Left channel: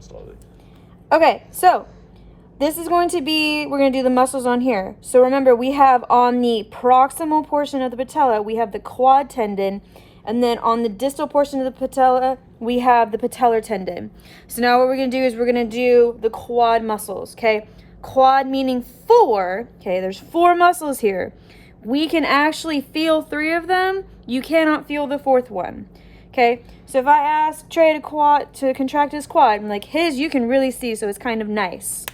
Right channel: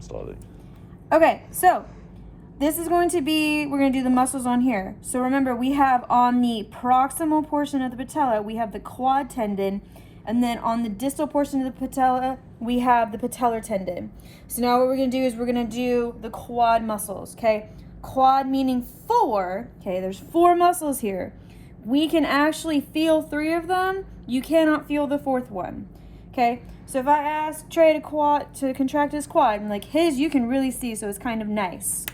Solid. Okay, so this is going to be, we're going to do the muscles on here. So remember, we have on the proximal portion of the patella, we have the quad tendon. And then on the distal portion of the patella, we have the patellar tendon. So now what we're going to do is we're going to do the quad muscles, okay? Quad meaning 4, okay? There's 4 muscles here. We can actually feel 3 of them. You cannot feel the 4th one, okay? So if I ask Trey to contract his quad, I'm like, his you can really see, so it's kind of nice.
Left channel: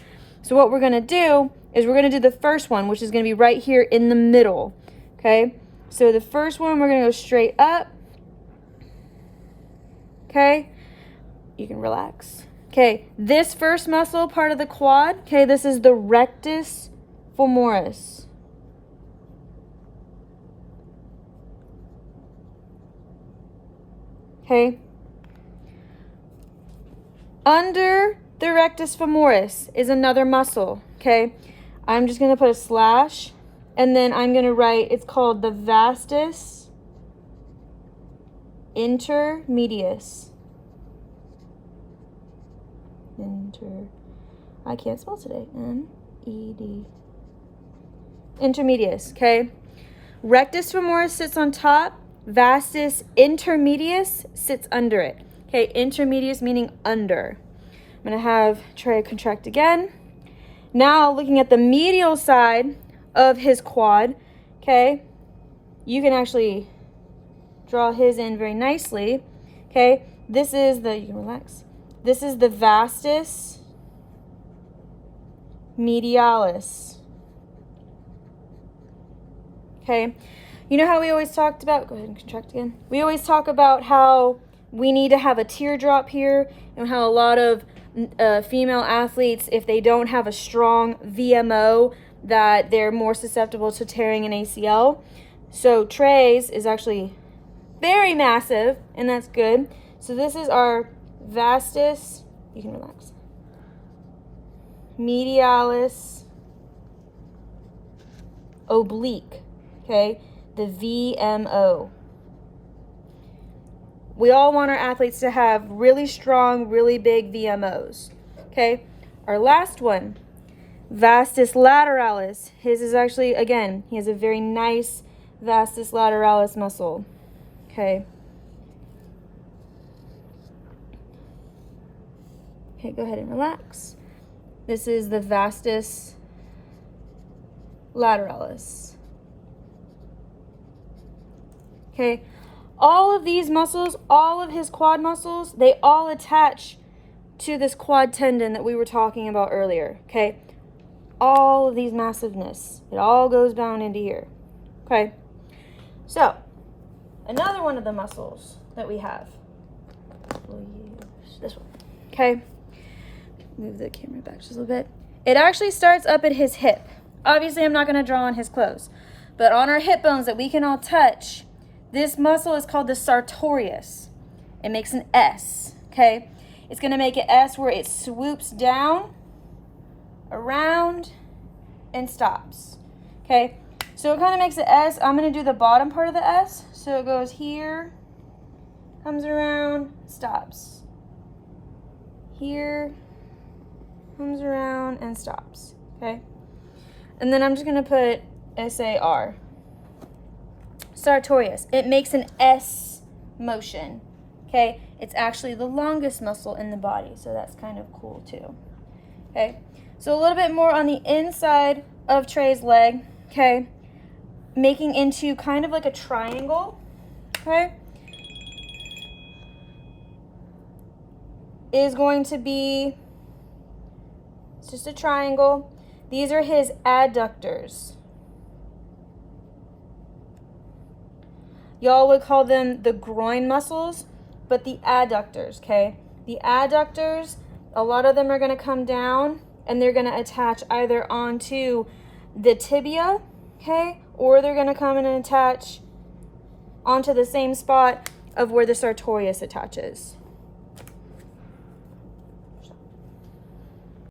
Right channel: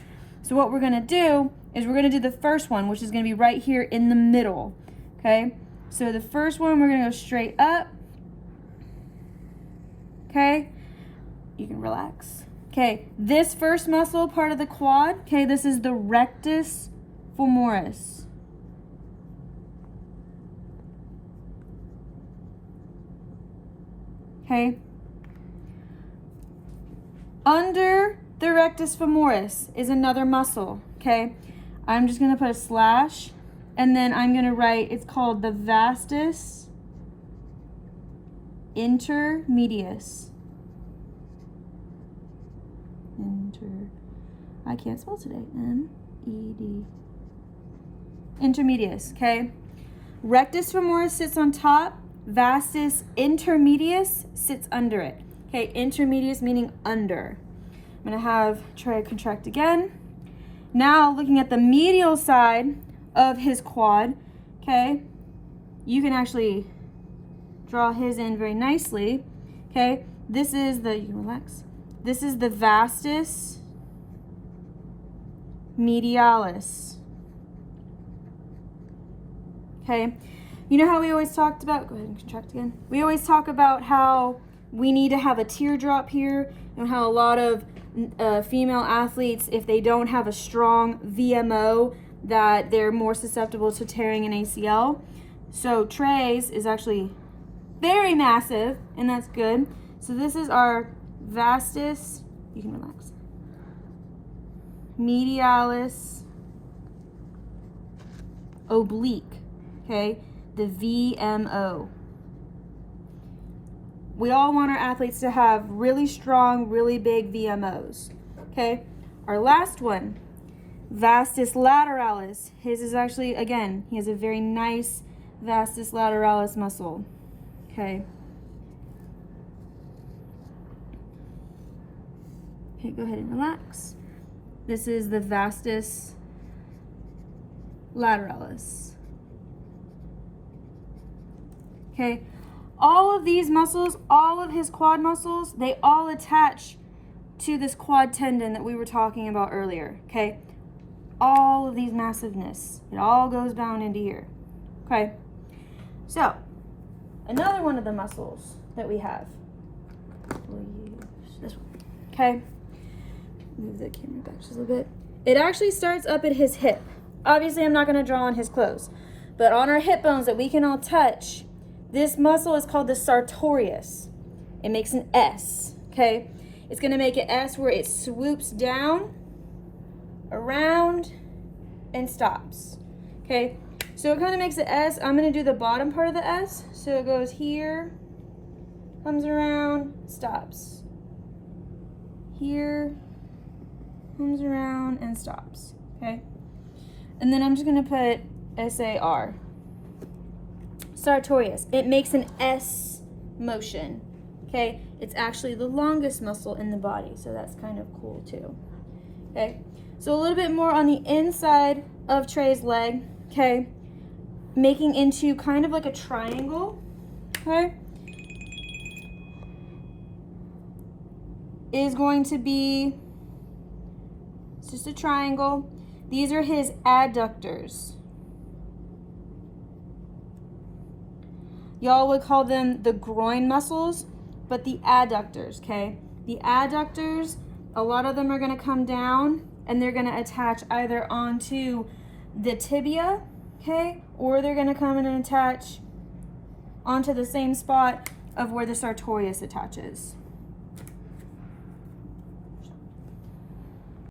So what we're going to do is we're going to do the first one, which is going to be right here in the middle, okay? So the first one, we're going to go straight up. Okay, you can relax. Okay, this first muscle part of the quad, okay, this is the rectus femoris. Okay. Under the rectus femoris is another muscle, okay? I'm just going to put a slash, and then I'm going to write, it's called the vastus intermedius. I can't spell today. M-E-D. Intermedius, okay? Rectus femoris sits on top. Vastus intermedius sits under it. Okay, intermedius meaning under. I'm going to have Trey contract again. Now, looking at the medial side of his quad, okay, you can actually draw his in very nicely. Okay, this is the, you can relax. This is the vastus medialis. Okay, you know how we always talked about, go ahead and contract again. We always talk about how we need to have a teardrop here, and how a lot of female athletes, if they don't have a strong VMO, that they're more susceptible to tearing an ACL. So Trey's is actually very massive, and that's good. So this is our vastus, you can relax, medialis oblique, okay, the VMO. We all want our athletes to have really strong, really big VMOs, okay? Our last one, vastus lateralis. His is actually, again, he has a very nice vastus lateralis muscle, okay? Okay, go ahead and relax. This is the vastus lateralis. Okay, all of these muscles, all of his quad muscles, they all attach to this quad tendon that we were talking about earlier, okay? All of these massiveness, it all goes down into here, okay? So, another one of the muscles that we have, we'll use this one, okay? Move the camera back just a little bit. It actually starts up at his hip. Obviously, I'm not going to draw on his clothes, but on our hip bones that we can all touch, this muscle is called the Sartorious. It makes an S, okay? It's going to make an S where it swoops down, around, and stops, okay? So it kind of makes an S. I'm going to do the bottom part of the S. So it goes here, comes around, stops. Here, comes around, and stops, okay? And then I'm just going to put S-A-R. Sartorious. It makes an S motion, okay? It's actually the longest muscle in the body, so that's kind of cool too, okay? So a little bit more on the inside of Trey's leg, okay? Making into kind of like a triangle, okay? Is going to be, it's just a triangle. These are his adductors. Y'all would call them the groin muscles, but the adductors, okay? The adductors, a lot of them are going to come down and they're going to attach either onto the tibia, okay? Or they're going to come in and attach onto the same spot of where the sartorius attaches,